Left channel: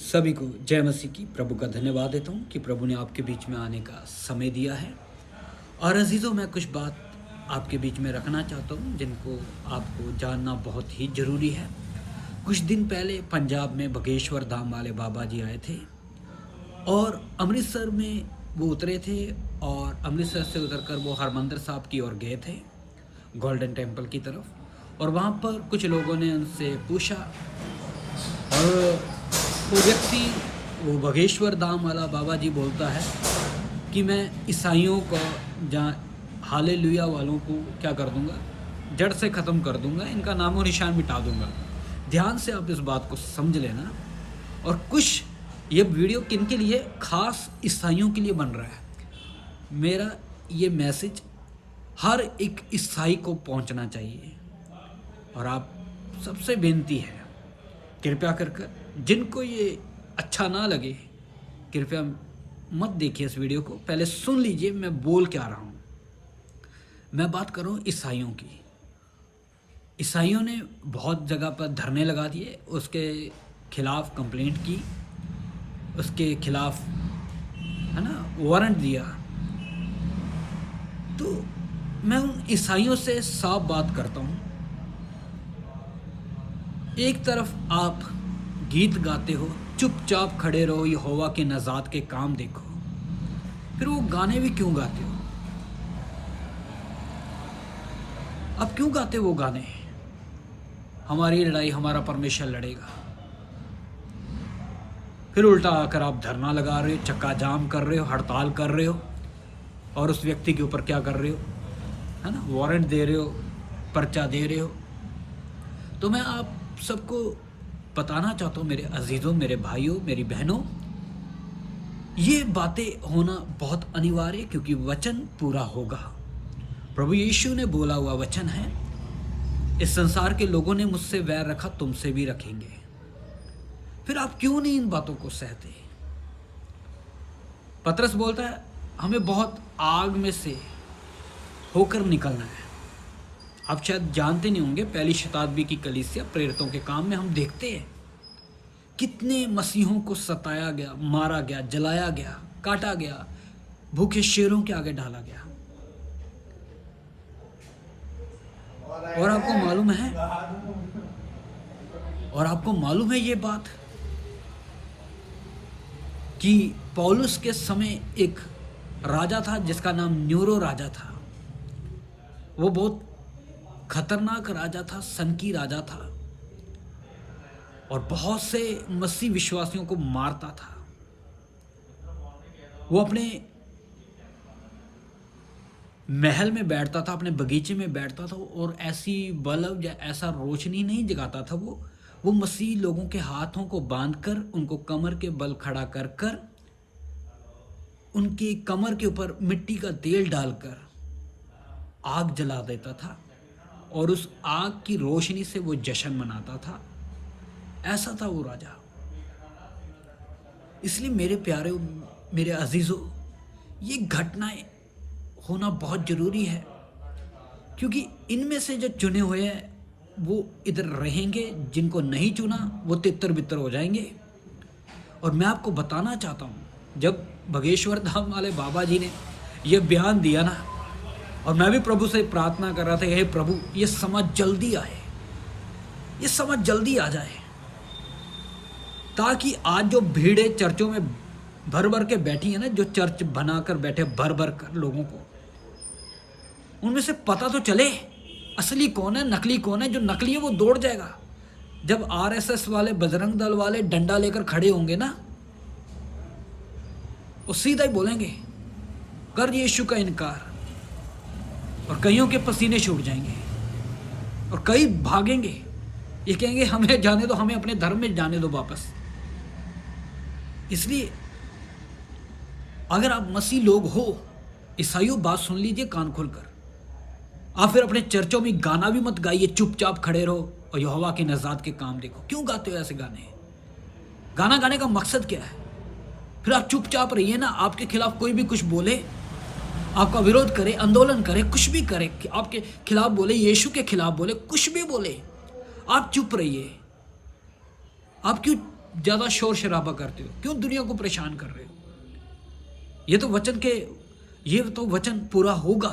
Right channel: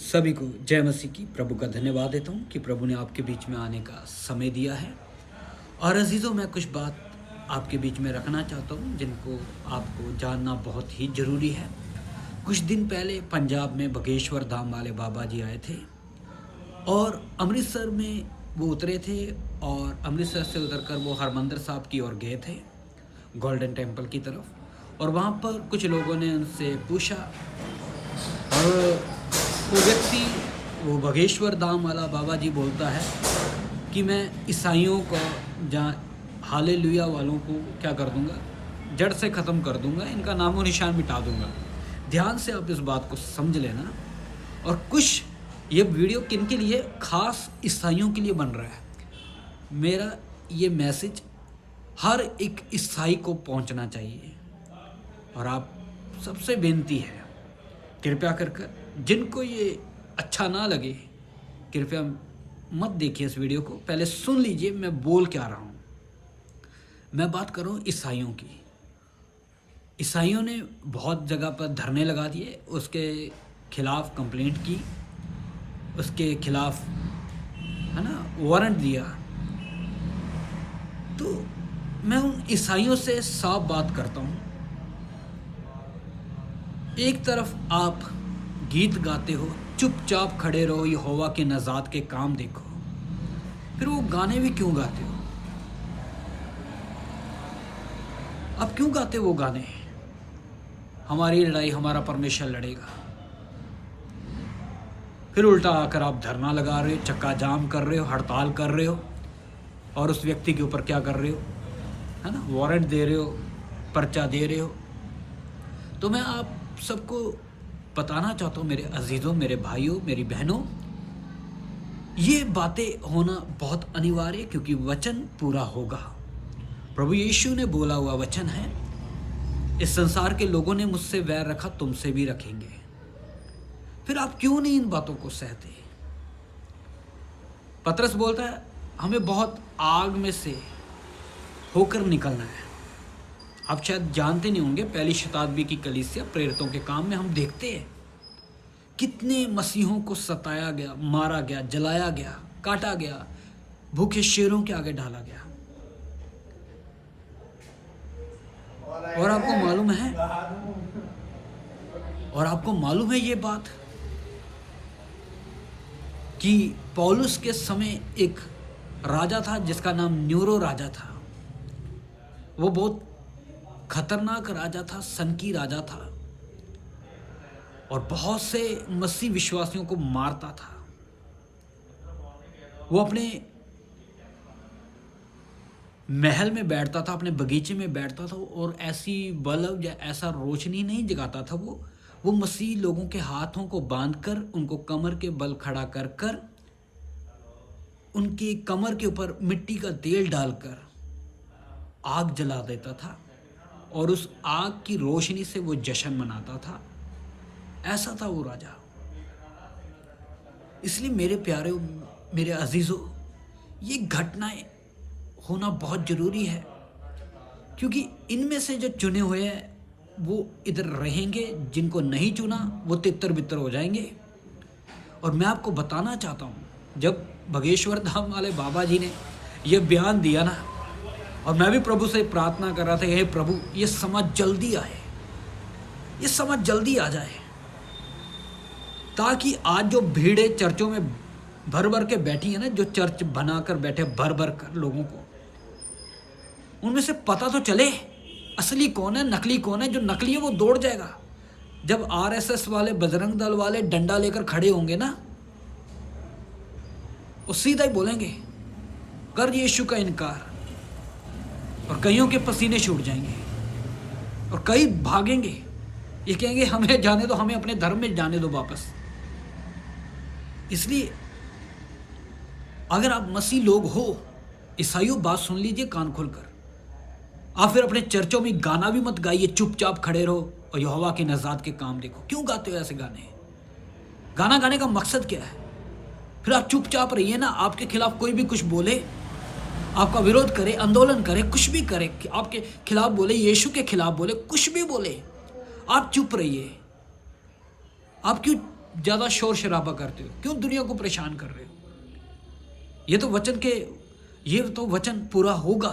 सभी को जय मसीह की। प्रभु का धन्यवाद देता हूँ कि प्रभु ने आपके बीच में आने का समय दिया है। और अजीज़ों, मैं कुछ बात आपके बीच में रखना चाहता हूँ जिनको आपको जानना बहुत ही ज़रूरी है। कुछ दिन पहले पंजाब में बगेश्वर धाम वाले बाबा जी आए थे और अमृतसर में वो उतरे थे और अमृतसर से उतरकर वो हरमंदिर साहब की ओर गए थे, गोल्डन टेम्पल की तरफ। और वहाँ पर कुछ लोगों ने उनसे पूछा और वो व्यक्ति, वो बगेश्वर धाम वाला बाबा जी बोलता है कि मैं ईसाइयों को, जहाँ हालेलुया वालों को क्या कर दूंगा, जड़ से ख़त्म कर दूंगा, इनका नामो निशान मिटा दूंगा। ध्यान से आप इस बात को समझ लेना। और कुछ ये वीडियो किन के लिए, खास ईसाइयों के लिए बन रहा है। मेरा ये मैसेज हर एक ईसाई को पहुंचना चाहिए। और आप सबसे बेनती है, कृपया कर जिनको ये अच्छा ना लगे, कृपया मत देखिए इस वीडियो को, पहले सुन लीजिए मैं बोल क्या रहा हूँ। मैं बात कर रहा हूँ ईसाइयों की। ईसाइयों ने बहुत जगह पर धरने लगा दिए, उसके खिलाफ कंप्लेंट की, उसके खिलाफ है ना वारंट दिया। तो मैं उन ईसाइयों से साफ बात करता हूँ। एक तरफ आप गीत गाते हो, चुपचाप खड़े रहो, यहोवा के नजात के काम देखो, फिर वो गाने भी क्यों गाते हो? अब क्यों गाते हो वो गाने? हमारी लड़ाई हमारा परमेश्वर लड़ेगा। फिर उल्टा आकर आप धरना लगा रहे हो, चक्का जाम कर रहे हो, हड़ताल कर रहे हो, और उस व्यक्ति के ऊपर क्या कर रहे हो, है ना, वारंट दे रहे हो, पर्चा दे रहे हो। तो मैं आप सबको बताना चाहता हूँ, मेरे अजीज़ों, मेरे भाइयों, मेरी बहनों, ये बातें होना बहुत अनिवार्य, क्योंकि वचन पूरा होगा। प्रभु यीशु ने बोला हुआ वचन है, इस संसार के लोगों ने मुझसे वैर रखा, तुमसे भी रखेंगे। फिर आप क्यों नहीं इन बातों को सहते? पतरस बोलता है हमें बहुत आग में से होकर निकलना है। आप शायद जानते नहीं होंगे, पहली शताब्दी की कलीसिया प्रेरितों के काम में हम देखते हैं कितने मसीहों को सताया गया, मारा गया, जलाया गया, काटा गया, भूखे शेरों के आगे डाला गया। और आपको मालूम है ये बात कि पौलुस के समय एक राजा था जिसका नाम न्यूरो राजा था। वो बहुत खतरनाक राजा था, सनकी राजा था, और बहुत से मसीह विश्वासियों को मारता था। वो अपने महल में बैठता था, अपने बगीचे में बैठता था, और ऐसी बल्ब या ऐसा रोशनी नहीं जगाता था। वो मसीह लोगों के हाथों को बांधकर, उनको कमर के बल खड़ा कर कर, उनकी कमर के ऊपर मिट्टी का तेल डालकर आग जला देता था, और उस आग की रोशनी से वो जश्न मनाता था। ऐसा था वो राजा। इसलिए मेरे प्यारे, मेरे अजीजों, ये घटनाएं होना बहुत जरूरी है, क्योंकि इनमें से जो चुने हुए हैं वो इधर रहेंगे, जिनको नहीं चुना वो तितर बितर हो जाएंगे। और मैं आपको बताना चाहता हूँ, जब बगेश्वर धाम वाले बाबा जी ने ये बयान दिया ना, और मैं भी प्रभु से प्रार्थना कर रहा था, हे प्रभु ये समझ जल्दी आए, ये समझ जल्दी आ जाए, ताकि आज जो भीड़े चर्चों में भर भर के बैठी है ना, जो चर्च बनाकर बैठे भर भर कर लोगों को, उनमें से पता तो चले असली कौन है, नकली कौन है। जो नकली है वो दौड़ जाएगा। जब आरएसएस वाले, बजरंग दल वाले डंडा लेकर खड़े होंगे ना, वो सीधा ही बोलेंगे कर यीशु का इनकार, और कईयों के पसीने छूट जाएंगे और कई भागेंगे। ये कहेंगे हमें जाने दो, हमें अपने धर्म में जाने दो वापस। इसलिए अगर आप मसीह लोग हो, ईसाइयों, बात सुन लीजिए कान खोलकर। आप फिर अपने चर्चों में गाना भी मत गाइए, चुपचाप खड़े रहो और यहोवा की नजात के काम देखो। क्यों गाते हो ऐसे गाने? गाना गाने का मकसद क्या है? फिर आप चुपचाप रहिए ना। आपके खिलाफ कोई भी कुछ बोले, आपका विरोध करे, आंदोलन करे, कुछ भी करे, आपके खिलाफ बोले, यीशु के खिलाफ बोले, कुछ भी बोले, आप चुप रहिए। आप क्यों ज्यादा शोर शराबा करते हो? क्यों दुनिया को परेशान कर रहे हो? ये तो वचन पूरा होगा,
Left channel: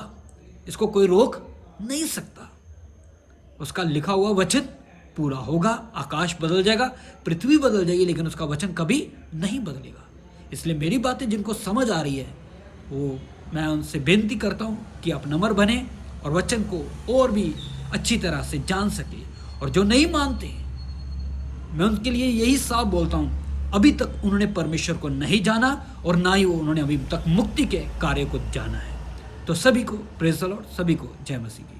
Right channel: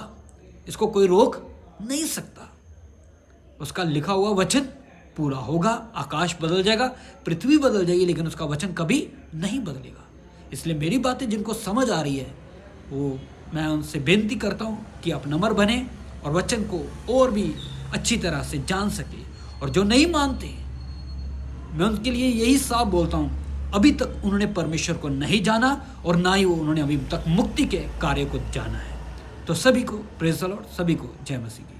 इसको कोई रोक नहीं सकता। उसका लिखा हुआ वचन पूरा होगा। आकाश बदल जाएगा, पृथ्वी बदल जाएगी, लेकिन उसका वचन कभी नहीं बदलेगा। इसलिए मेरी बातें जिनको समझ आ रही है, वो मैं उनसे बेनती करता हूँ कि आप नम्र बने और वचन को और भी अच्छी तरह से जान सके। और जो नहीं मानते, मैं उनके लिए यही साफ बोलता हूँ, अभी तक उन्होंने परमेश्वर को नहीं जाना और ना ही उन्होंने अभी तक मुक्ति के कार्य को जाना है। तो सभी को प्रेज़ द लॉर्ड, सभी को जय मसीह।